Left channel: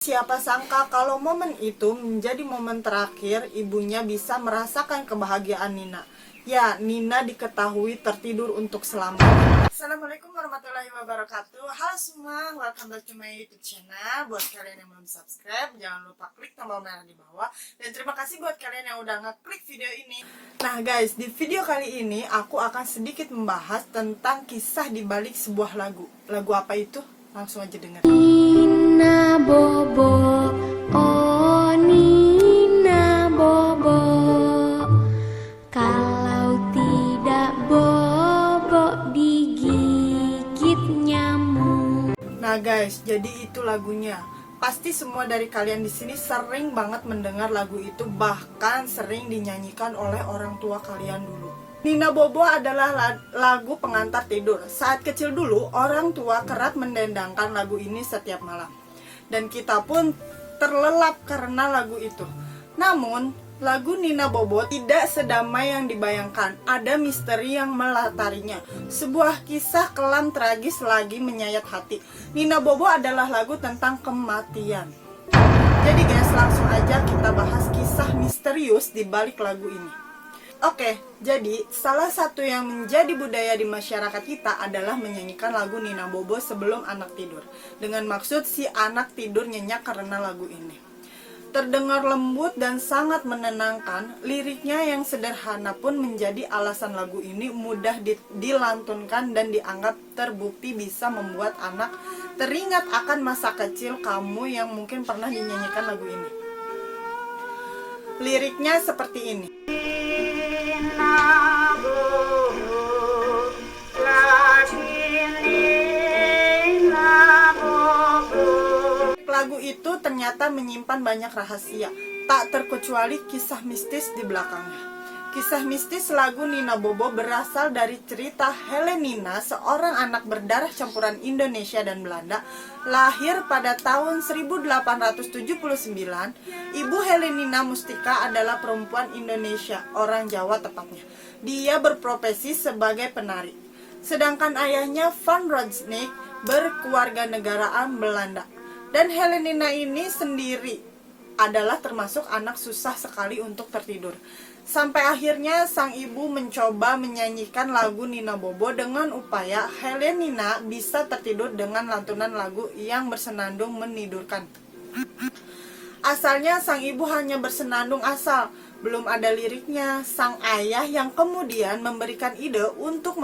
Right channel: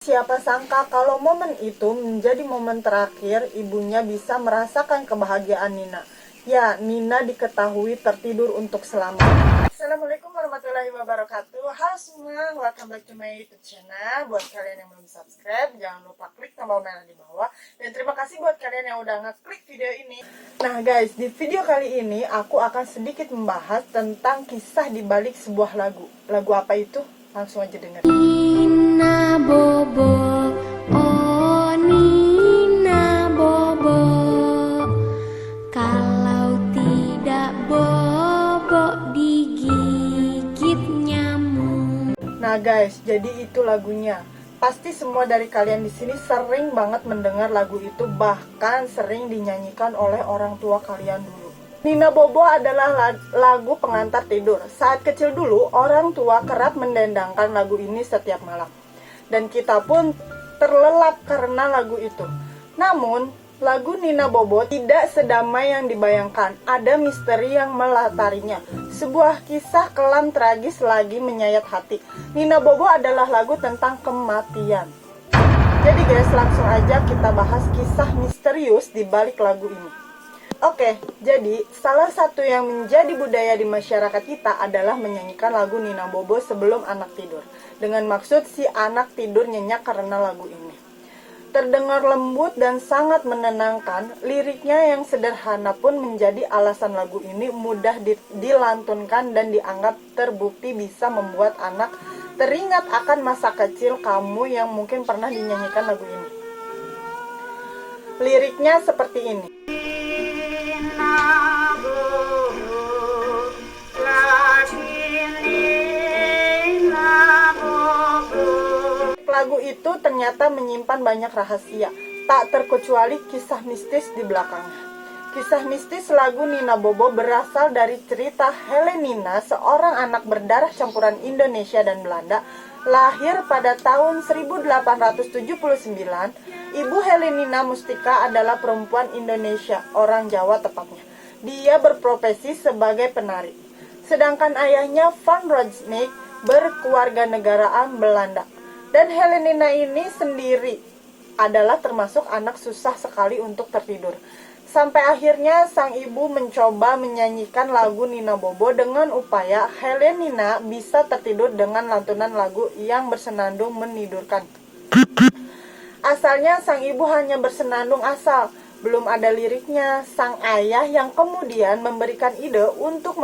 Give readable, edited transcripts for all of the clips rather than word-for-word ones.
Siapa sangka kalau momen itu menjadi momen terakhir ibunya bisa merasakan kebahagiaan Nina. Ya, Nina diketahui tertidur untuk selamanya. Assalamualaikum warahmatullahi wabarakatuh. Halo semua, welcome back to my YouTube channel. Buat kalian yang belum subscribe, jangan lupa klik tombol merah di bawah. Dan terima kasih buat kalian yang udah ngeklik video ini. Nah guys, di video kali ini aku akan sedikit membahas tentang kisah di balik sebuah lagu. Lagu apa itu? Langsung aja denger. Nina Bobo, oh Nina Bobo, kalau tidak bobo digigit nyamuk. Nah guys, jadi itu lagunya. Pasti semua dari kalian di sini sering banget mendengar lagu itu, bahkan sering dinyanyikan oleh orang tua kalian dulu. Nina Bobo adalah lagu pengantar tidur. Saat kecil dulu, orang tua kerap mendendangkan lagu ini setiap malam. Dan kita pun terlelap karena lagu itu. Namun, lagu Nina Bobo tidak sedamai yang dibayangkan. Ada misteri yang melatarinya. Sebuah kisah kelam tragis lagi menyayat hati. Nina Bobo adalah lagu tentang kematian. Jadi guys, langsung aja kita bahas kisah misterius di balik lagu ini. Oke, jadi salah satu yang menjadi budaya di masyarakat kita adalah menyanyikan lagu Nina Bobo sebelum anak tidur. Dengan maksud si anak tidur nyenyak karena lagu ini. Terdengar lembut dan sangat menenangkan, liriknya yang sederhana pun menjadi alasan lagu ini mudah dilantunkan dan dianggap terbukti bisa membuat anak teringat akan masa kecil kamu yang mungkin pernah dinyanyikan lagu ini. Liriknya seperti ini. Lagu itu ternyata menyimpan banyak rahasia, tak terkecuali kisah mistis di belakangnya. Kisah mistis lagu Nina Bobo berasal dari cerita Helenina, seorang anak berdarah campuran Indonesia dan Belanda, lahir pada tahun 1879. Ibu Helenina Mustika adalah perempuan Indonesia, orang Jawa tepatnya. Dia berprofesi sebagai penari. Sedangkan ayahnya Van Rojnik berkewarganegaraan Belanda. Dan Helenina ini sendiri adalah termasuk anak susah sekali untuk tertidur. Sampai akhirnya sang ibu mencoba menyanyikan lagu Nina Bobo dengan upaya Helenina bisa tertidur dengan lantunan lagu yang bersenandung menidurkan. Asalnya sang ibu hanya bersenandung asal, belum ada liriknya. Sang ayah yang kemudian memberikan ide untuk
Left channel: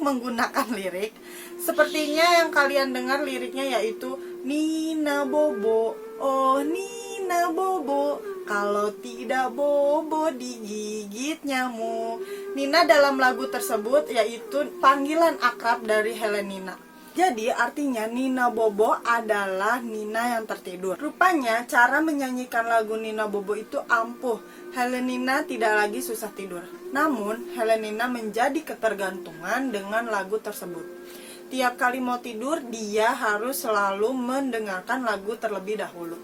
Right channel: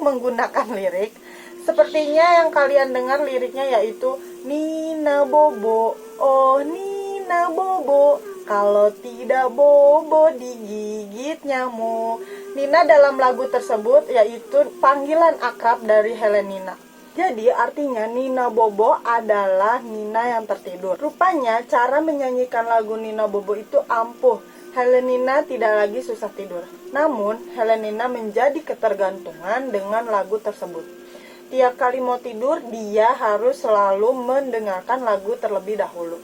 menggunakan lirik. Sepertinya yang kalian dengar liriknya yaitu Nina Bobo, oh Nina Bobo, kalau tidak bobo digigit nyamuk. Nina dalam lagu tersebut yaitu panggilan akrab dari Helenina. Jadi artinya Nina Bobo adalah Nina yang tertidur. Rupanya cara menyanyikan lagu Nina Bobo itu ampuh. Helenina tidak lagi susah tidur. Namun Helenina menjadi ketergantungan dengan lagu tersebut. Tiap kali mau tidur, dia harus selalu mendengarkan lagu terlebih dahulu.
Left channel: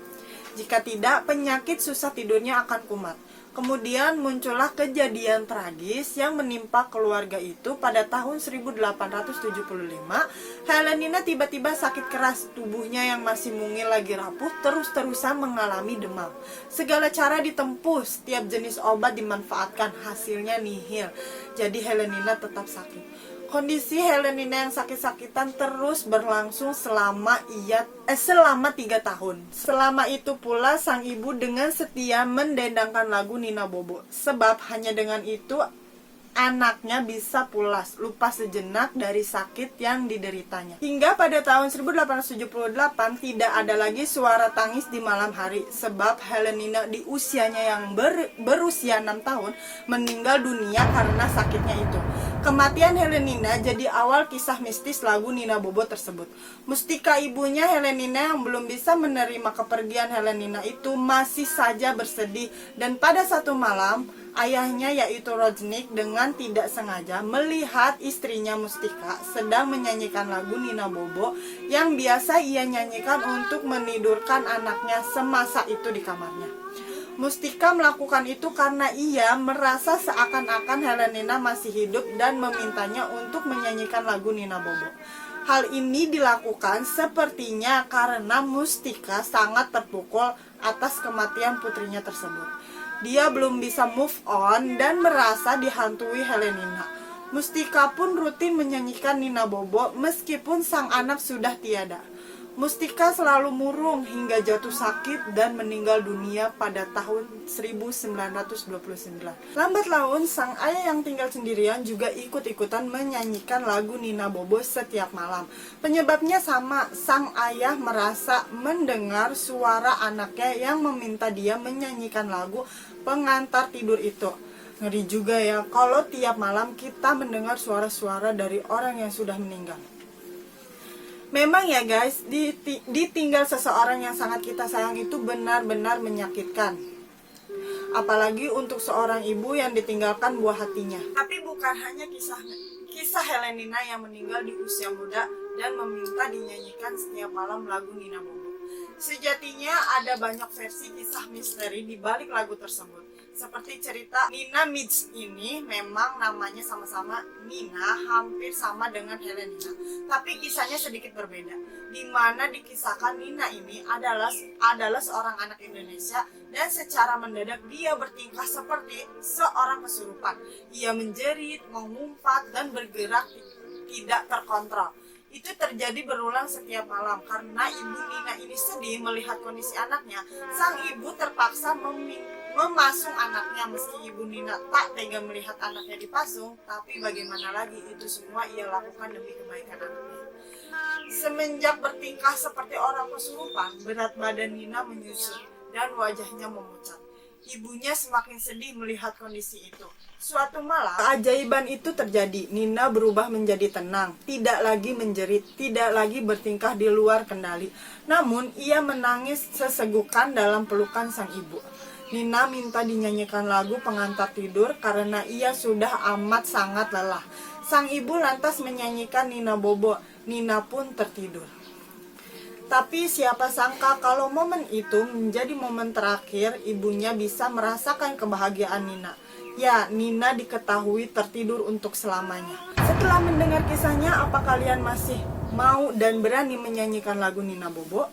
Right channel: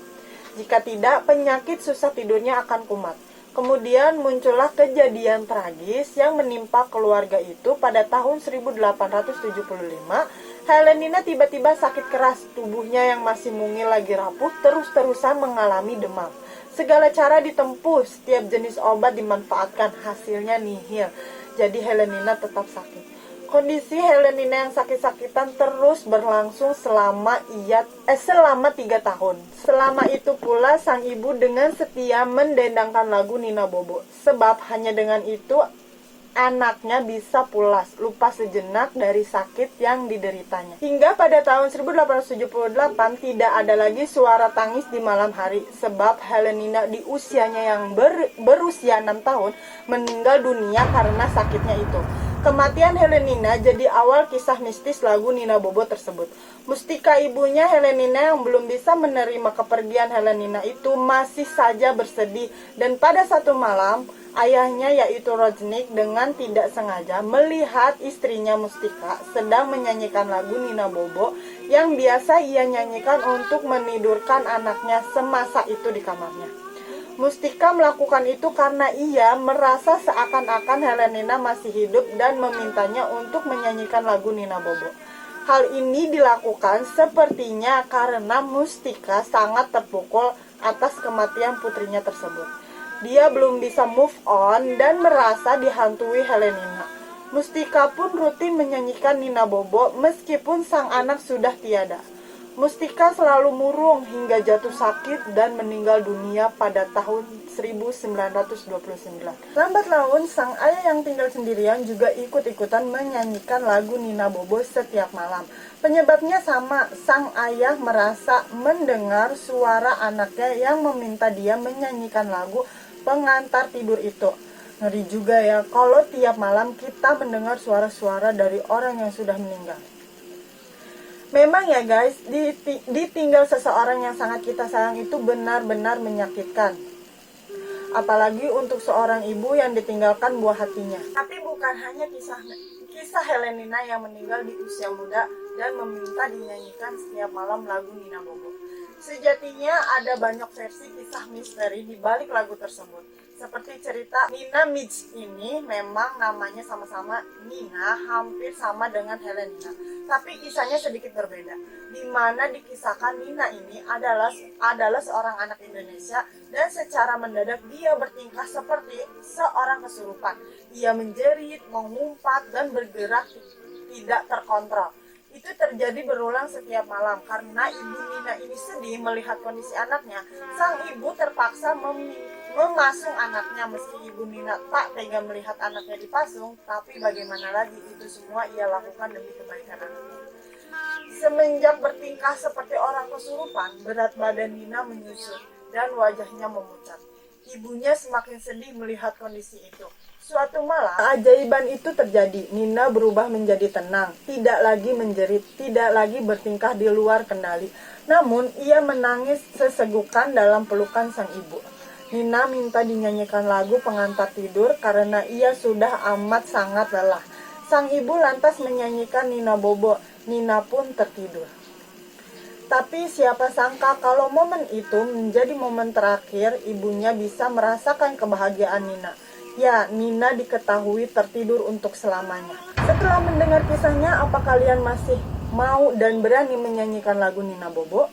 Jika tidak, penyakit susah tidurnya akan kumat. Kemudian muncullah kejadian tragis yang menimpa keluarga itu pada tahun 1875. Helenina tiba-tiba sakit keras, tubuhnya yang masih mungil lagi rapuh terus-terusan mengalami demam. Segala cara ditempuh, setiap jenis obat dimanfaatkan, hasilnya nihil. Jadi Helenina tetap sakit. Kondisi Helenina yang sakit-sakitan terus berlangsung selama 3 tahun. Selama itu pula sang ibu dengan setia mendendangkan lagu Nina Bobo. Sebab hanya dengan itu anaknya bisa pulas, lupa sejenak dari sakit yang dideritanya. Hingga pada tahun 1878 tidak ada lagi suara tangis di malam hari. Sebab Helenina di usianya yang berusia 6 tahun meninggal dunia karena sakitnya itu. Kematian Helenina jadi awal kisah mistis lagu Nina Bobo tersebut. Mustika ibunya Helenina yang belum bisa menerima kepergian Helenina itu masih saja bersedih. Dan pada satu malam, ayahnya yaitu Rojnik dengan tidak sengaja melihat istrinya Mustika sedang menyanyikan lagu Nina Bobo yang biasa ia nyanyikan untuk menidurkan anaknya semasa itu di kamarnya. Mustika melakukan itu karena ia merasa seakan-akan Helenina masih hidup dan memintanya untuk menyanyikan lagu Nina Bobo. Hal ini dilakukan sepertinya karena Mustika sangat terpukul atas kematian putrinya tersebut. Dia belum bisa move on dan merasa dihantui Helenina. Mustika pun rutin menyanyikan Nina Bobo meskipun sang anak sudah tiada. Mustika selalu murung hingga jatuh sakit dan meninggal dunia pada tahun 1929. Lambat laun, sang ayah yang tinggal sendirian juga ikut-ikutan menyanyikan lagu Nina Bobo setiap malam. Penyebabnya sama, sang ayah merasa mendengar suara anaknya yang meminta dia menyanyikan lagu pengantar tidur itu. Ngeri juga ya, kalau tiap malam kita mendengar suara-suara dari orang yang sudah meninggal. Memang ya guys, ditinggal seseorang yang sangat kita sayang itu benar-benar menyakitkan. Apalagi untuk seorang ibu yang ditinggalkan buah hatinya. Tapi bukan hanya kisah Helenina yang meninggal di usia muda dan meminta dinyanyikan setiap malam lagu Nina Bobo. Sejatinya ada banyak versi kisah misteri di balik lagu tersebut. Seperti cerita Nina Midge ini, memang namanya sama-sama Nina, hampir sama dengan Helenina. Tapi kisahnya sedikit berbeda. Di mana dikisahkan Nina ini adalah seorang anak Indonesia dan secara mendadak dia bertingkah seperti seorang kesurupan. Ia menjerit, mengumpat, dan bergerak tidak terkontrol. Itu terjadi berulang setiap malam karena ibu Nina ini sedih melihat kondisi anaknya. Sang ibu terpaksa memasung anaknya meski ibu Nina tak tega melihat anaknya dipasung, tapi bagaimana lagi, itu semua ia lakukan demi kebaikan anaknya. Semenjak bertingkah seperti orang kesurupan, berat badan Nina menyusut dan wajahnya memucat. Ibunya semakin sedih melihat kondisi itu. Suatu malam, keajaiban itu terjadi. Nina berubah menjadi tenang, tidak lagi menjerit, tidak lagi bertingkah di luar kendali. Namun, ia menangis sesegukan dalam pelukan sang ibu. Nina minta dinyanyikan lagu pengantar tidur karena ia sudah amat sangat lelah. Sang ibu lantas menyanyikan Nina Bobo. Nina pun tertidur. Tapi siapa sangka kalau momen itu menjadi momen terakhir ibunya bisa merasakan kebahagiaan Nina. Ya, Nina diketahui tertidur untuk selamanya. Setelah mendengar kisahnya, apa kalian masih mau dan berani menyanyikan lagu Nina Bobo?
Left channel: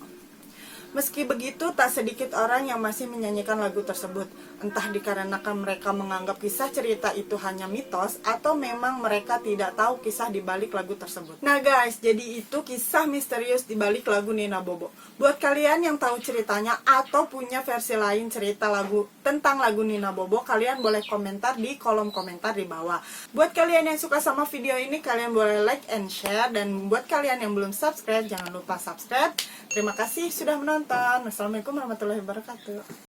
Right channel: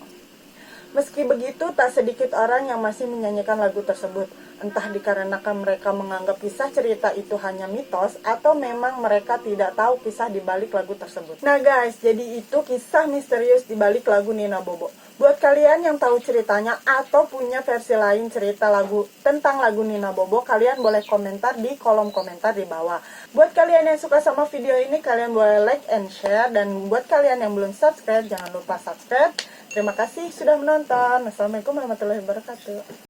Meski begitu, tak sedikit orang yang masih menyanyikan lagu tersebut. Entah dikarenakan mereka menganggap kisah cerita itu hanya mitos, atau memang mereka tidak tahu kisah di balik lagu tersebut. Nah guys, jadi itu kisah misterius di balik lagu Nina Bobo. Buat kalian yang tahu ceritanya atau punya versi lain cerita lagu tentang lagu Nina Bobo, kalian boleh komentar di kolom komentar di bawah. Buat kalian yang suka sama video ini, kalian boleh like and share. Dan buat kalian yang belum subscribe, jangan lupa subscribe. Terima kasih sudah menonton. Assalamualaikum warahmatullahi wabarakatuh.